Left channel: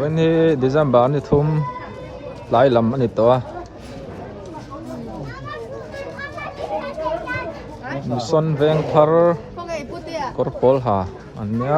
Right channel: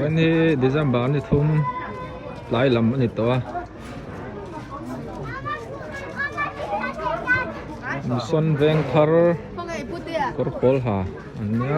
วันนี้Decemberนี่ทุ่มหลายลำอันนี้ตัวมีส่วนแวงทาร์กอร์ปอลฮะอันเนี้ย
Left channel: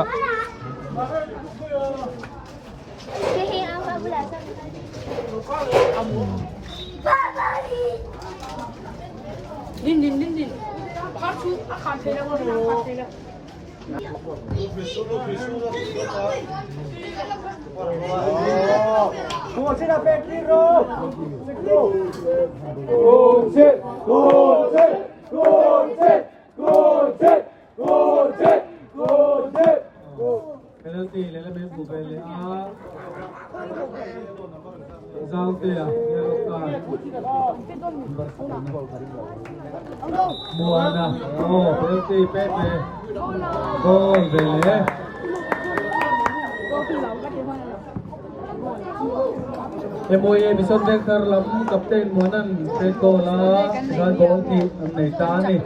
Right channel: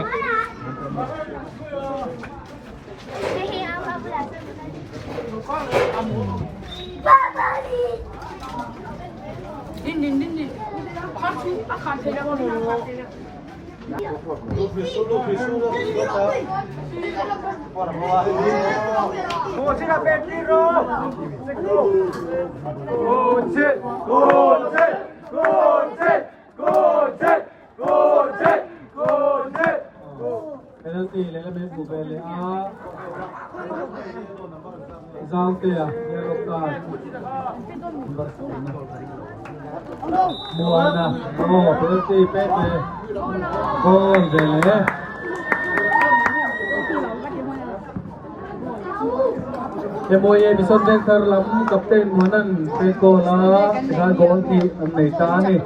penalty lelamit bubele Zaltia yellow card Muana penalty pete goal bele Emoye bison vector lam captain monan teko la gan goal ki nei ta ni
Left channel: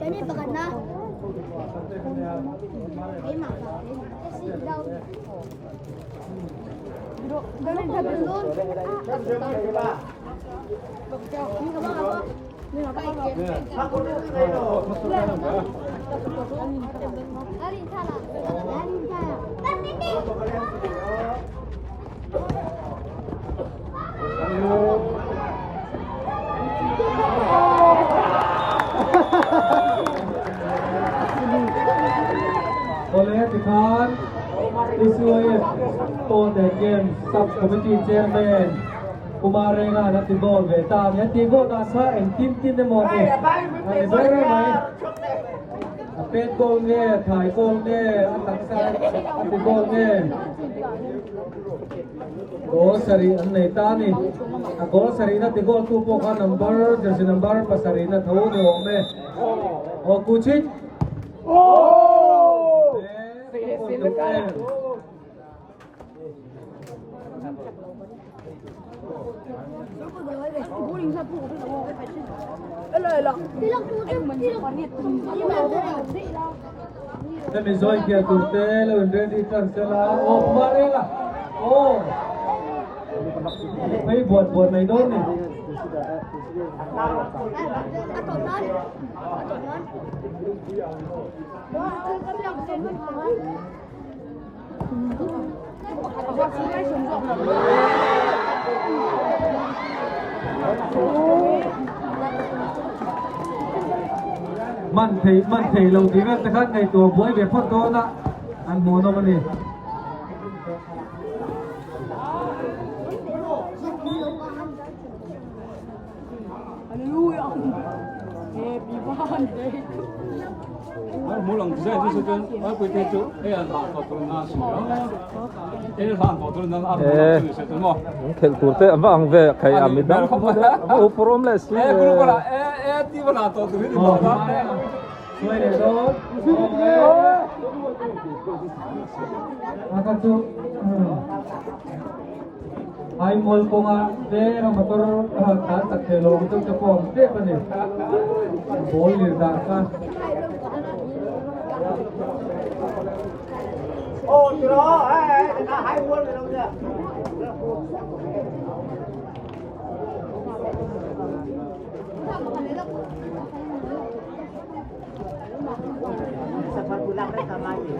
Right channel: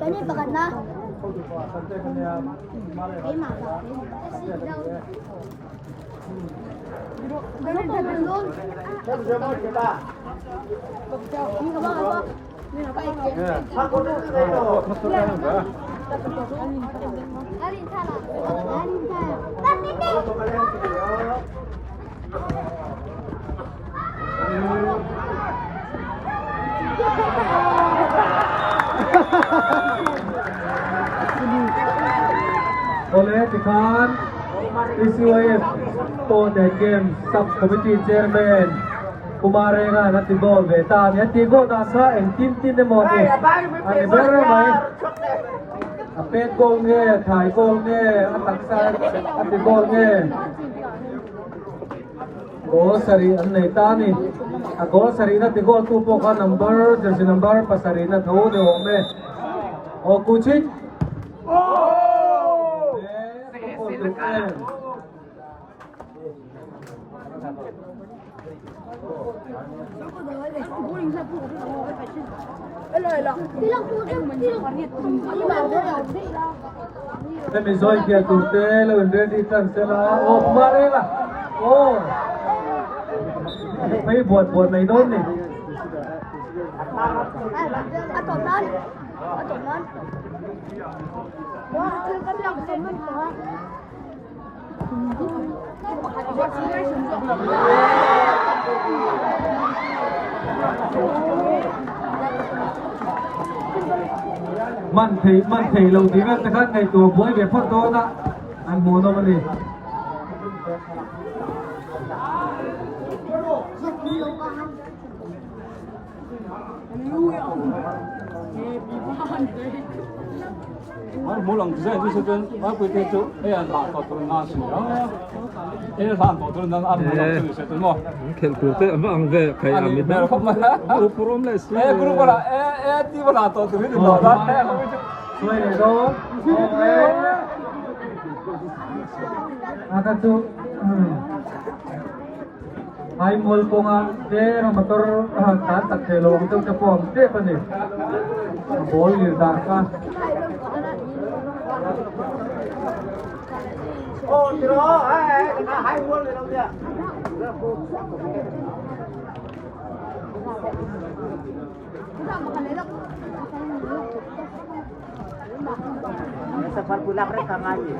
Cái này bật na. Cái mà đâu. Cái này thật luôn. Oleh Tikhan PCOF Tote Game Sub Committee Chairman Kumarenga Nati Gol Beta Nati Gol Nasa and Tim Demoni Ani Bere Mai Apet Gol Nge Thai Gol Nge Ataksa Nati Gol Nge Gol Sari Anne Tani Gol Sari Nati Gol Tupo Ka number jersey number Pasari Na Thau Ne Ome O Kuchit Mình rồi kia tụt tê là undre đi trần xe là ô mà đây là ô mấy buồn này đốt này mình thấy lâu tí các cái ngày tuổi buổi về phút đó đã anh muốn đâu mà đi mỗi lần chỉ là chân ở quê thế chú đây là làm tổ tuần nào xí đó đây là làm tổ tuần nào ăn mỗi lần chỉ chân mà khel kurte ama ang ve khai amit na o problem si group là ti là tổ tuần đi đó đó rồi đó chú hai mol ko nga de motor ta tak khelo to ka pom te pa ni bol ni dar ka ô từ đó hai quân rồi đâu nhỉ sempat pulang mereka maju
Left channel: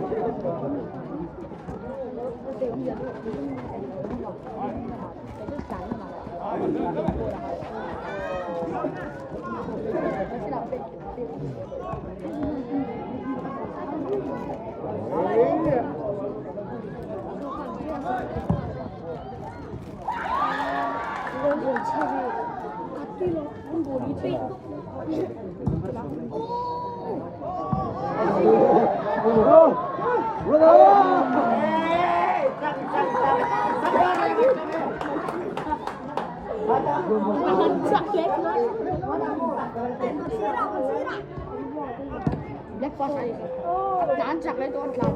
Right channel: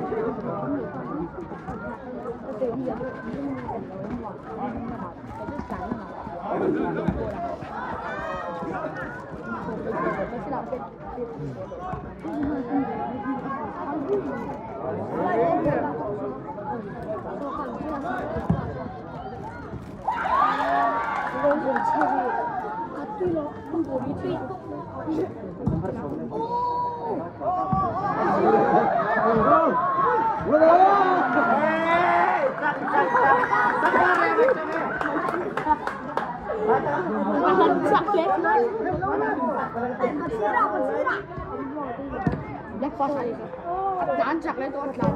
Nanjak lên tôi làm.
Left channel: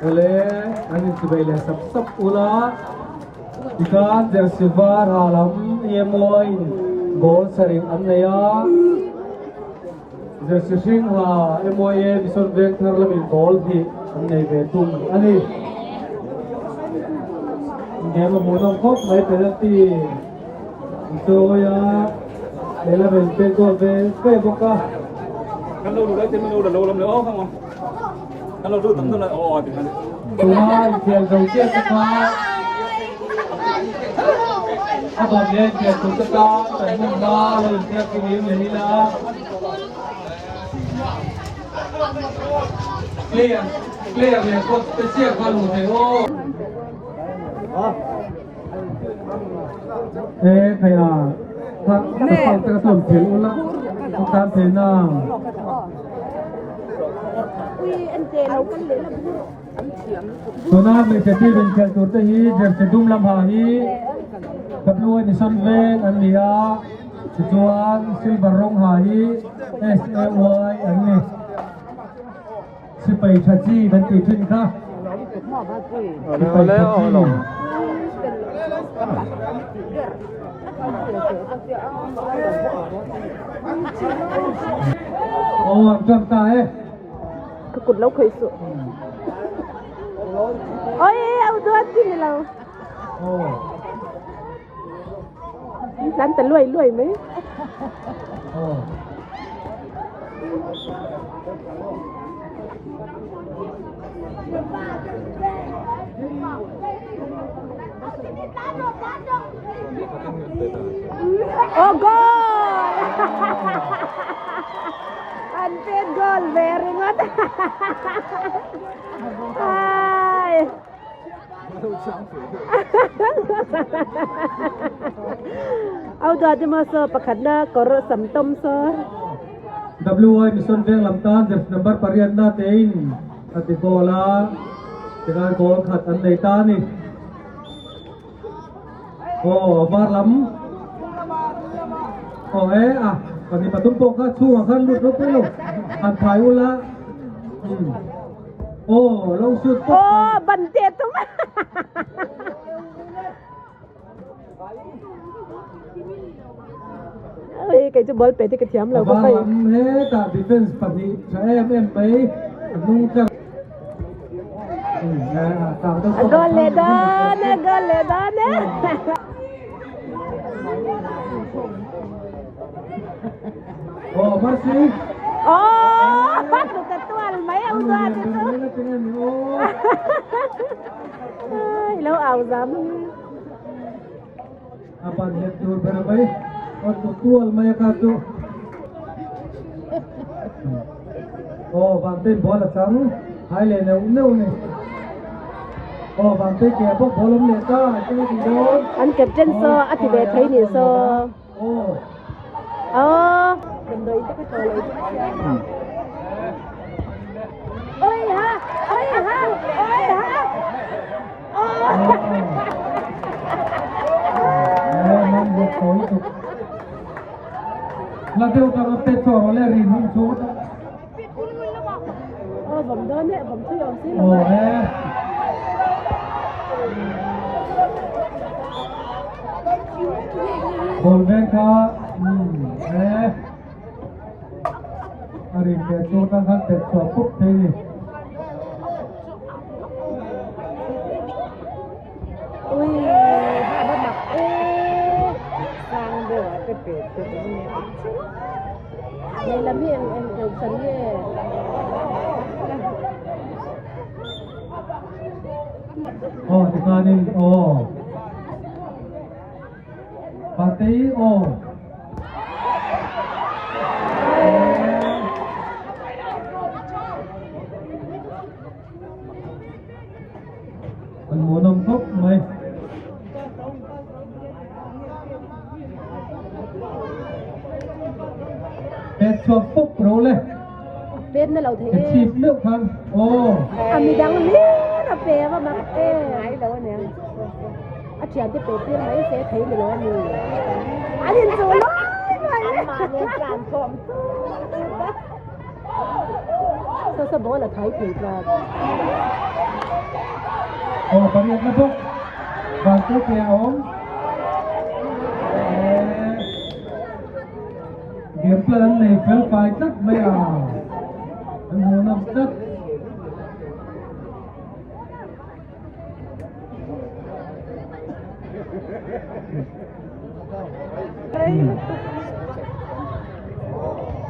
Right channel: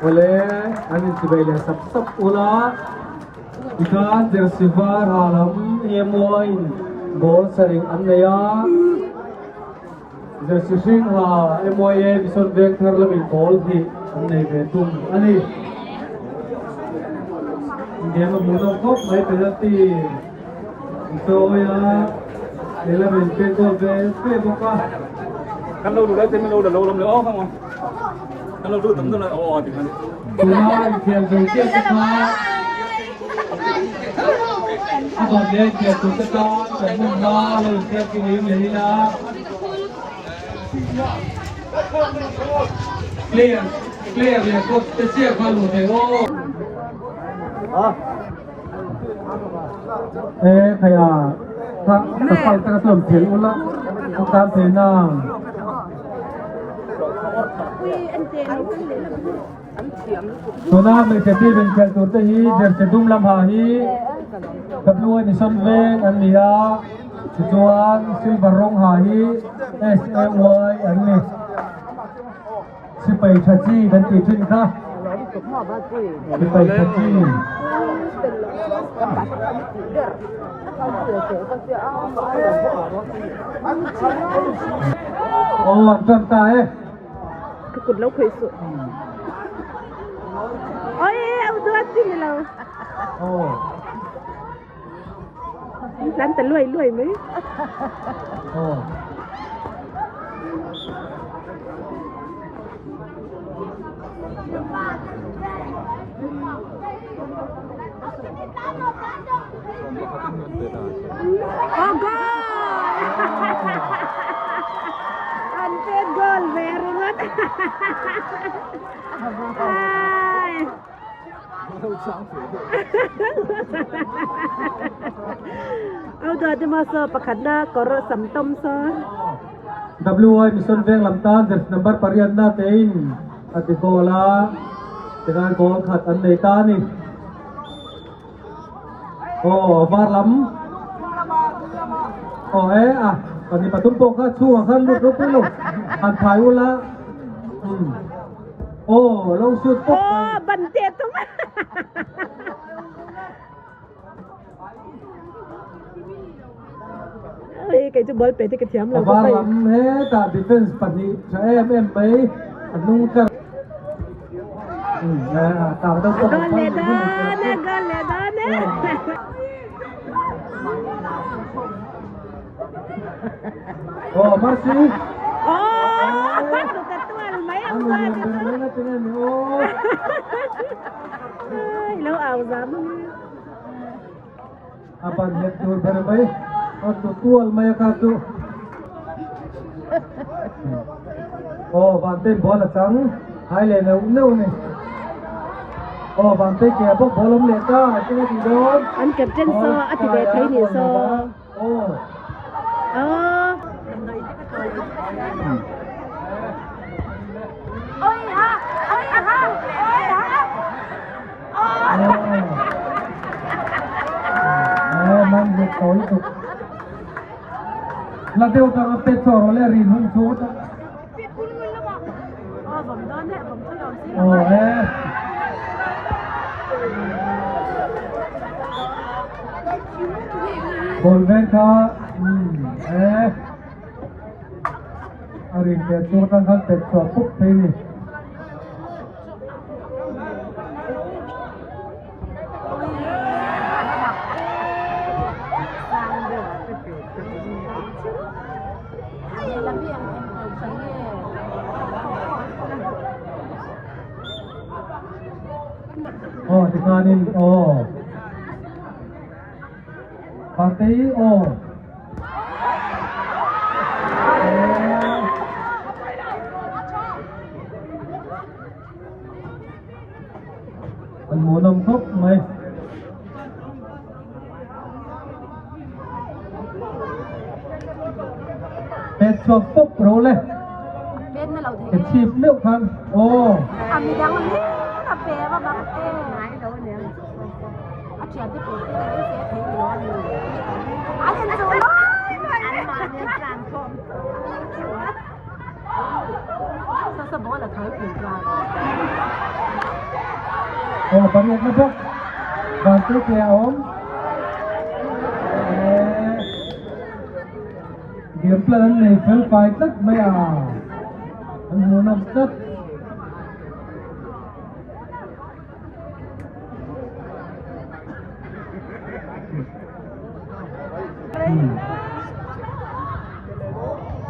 Oleh angin sebelum sab ula ikan jersivar halam iemoin gol sering anaya jersing ha emoye bison beng tharlam in gol hi anay betum ani dia membunuh kop mai penalti itu ya dia ben gol be boka Kan lâu rồi đấy, tên lâu là lâu lắm nữa không không? Kan lâu rồi tấm tấm này, thì này. Tuhan yang berjaya sekarang apa dia dia tu sekarang dan membawa dia kini melihat clear dia kau tersiap kalau saya kayak tak kapal terkesan film ulang bukan film Sona mình sẽ đi bên cạnh tổ tư hi để sẽ đúng làm hà hi tập nuôi thì sân về anh mía chuan silver rong hà hi SAY anh này si bay cha chi bên tỷ trên khác si bay cha chi anh chân ta cái cột lâu khởi sự ôi ông đưa gì nào đánh tận lùi mấy oh goal unpaid goal very goodเอาดอจะมาเสิร์ฟประคันหน้าก็รสำต้มซอWI Mission Veng Lamtan jersey number parian na tein at gola dengan gol khat an nei ta ni var lam pani patumpok kha chuang khan lut lut lu an thai ula lâu suốt bắn tiệt tung cái chú ball pe thì cái thiam là có phải hết cả defense pani cho em mấy nung cả gole dane masih tu ketual mấy ông tua gitu lâu ảo lắm apa lihat tur berbaik tual maya katu vanten bola chang hai le no ne vante ke bok bolom le ta chini ti don anh captain so ati be thấy ni so ôi hả man je tối tục là tiêu ta pe cho le rin hung chốt bấm đơn đấy bấm chưa ông xí bol ven kha arin pe chốt ang khan pe cho pup thế ni Thì ngàn in Party anh muốn nông thúc mày Tết chuộc phúc rô lê Bên này là thế. Cái chịp liệu khăn Mình đang lý là bé mà mặc ai đâu nè. Chuyện thì bé thì mấy sẽ thấy mình là gì. Anh nhìn rồi đó. Mà nên làm không. Sao bố là thấy kỳ rồi. Phát hiện mất thuốc Vàng tư kèo ốm Điểm lần này phê phải tất bây à Anh muốn nông tất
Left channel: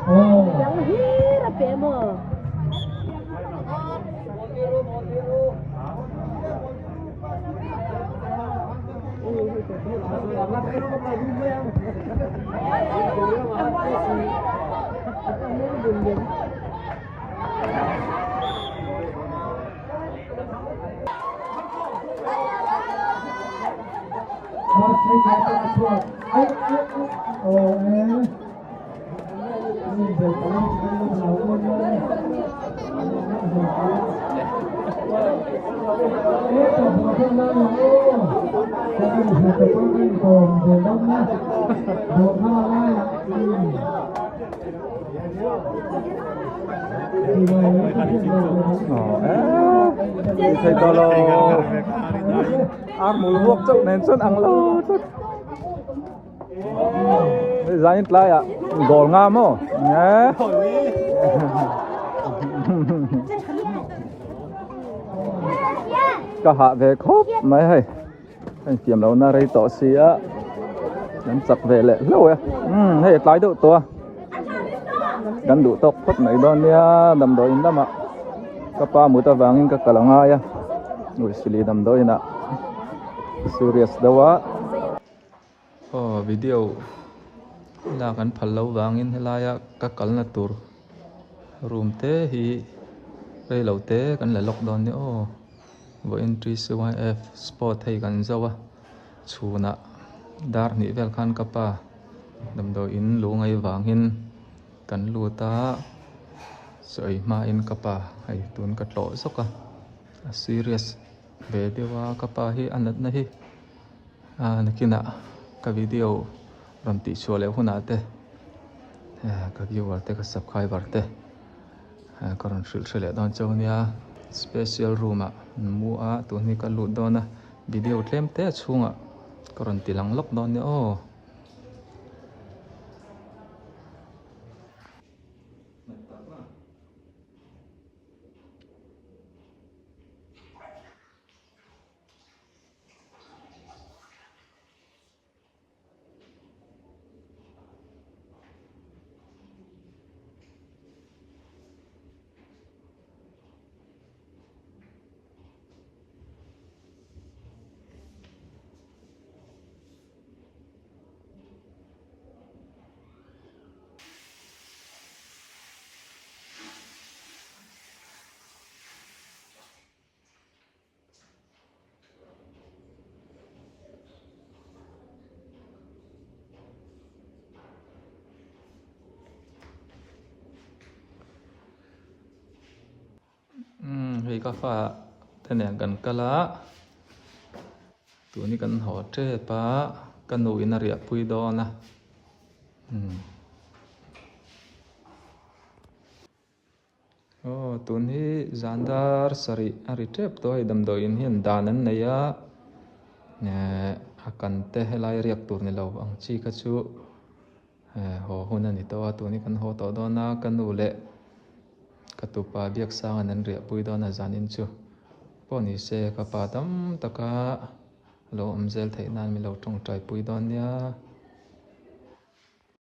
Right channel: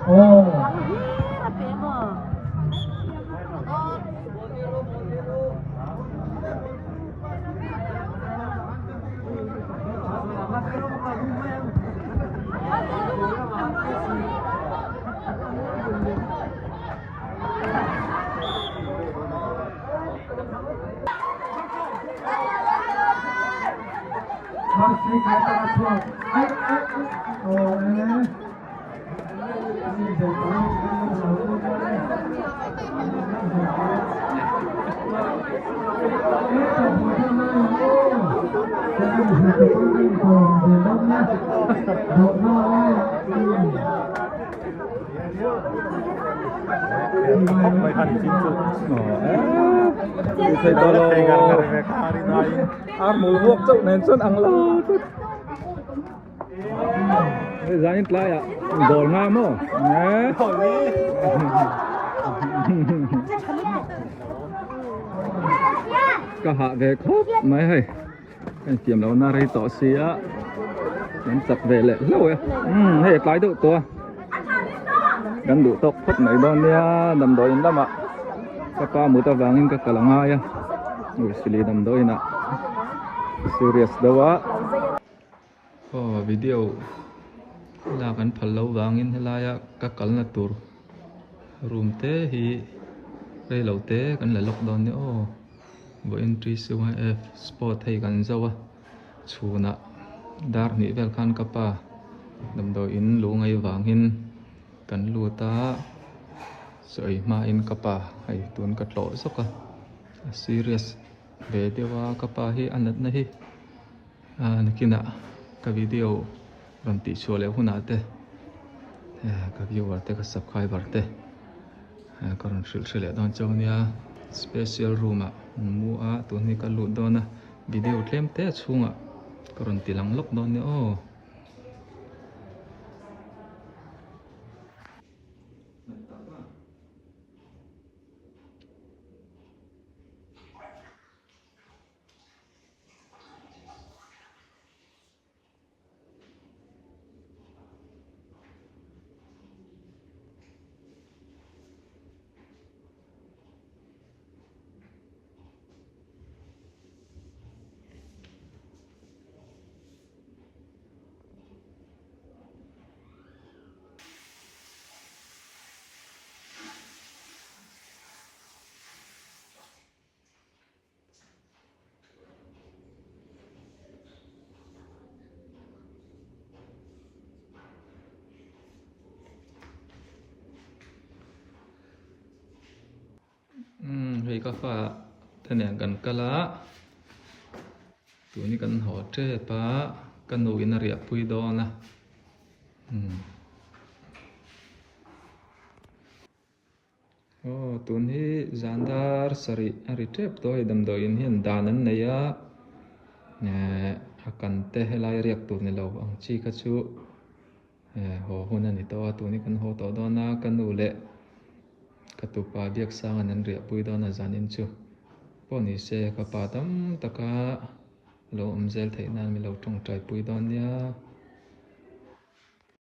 Đang lý là bé mà. Thầy to lo ăn một luộc chậu nên rất ăn lo bây giờ nhìn lại ạ gồ ngam không nhé cả hạ về khóc mấy hay anh tiệm đâu na đây tỏ xía anh chặt về lệ lâu hay lái độ to gắn đủ tốc phút này đó nha đầm đôi lắm ạ các pa mua ta vangin ka kalangaya ui sili đầm đôi nè serious đâu á video là kan phallo wangin helaya ka kalna tur room te hi đây lâu te kan la lockdown ni vo entry CYF sport thei kan zawa chuna dar ni vel khan kapa dam do in lu ngai wangin kan lu ta soi ma in kapa hai tun ka tlo soka serious ve dewa kapa hi anat na hi nakina ka video ram ti chole huna te ka viewer te ka subscriber te karon shil don chawnia special room a mu a tu ni ka lu dona video tlem te chunga karon tilang lok don ni hei ka fa thane kan kala tu ni kan ho tre pa kan no in ria pui do na tu ni zandar sari ari trep to hi dam do in hian danan neya ne akan te helai riak tur ni lo ang chi ka chu ho huna ni to tu ni kan ho to do na kan nu le katupa biak sang anan ria pui do na zanin chu poni se ka pa tam taka lo amzel thei nan mi lo tong trai pui don nia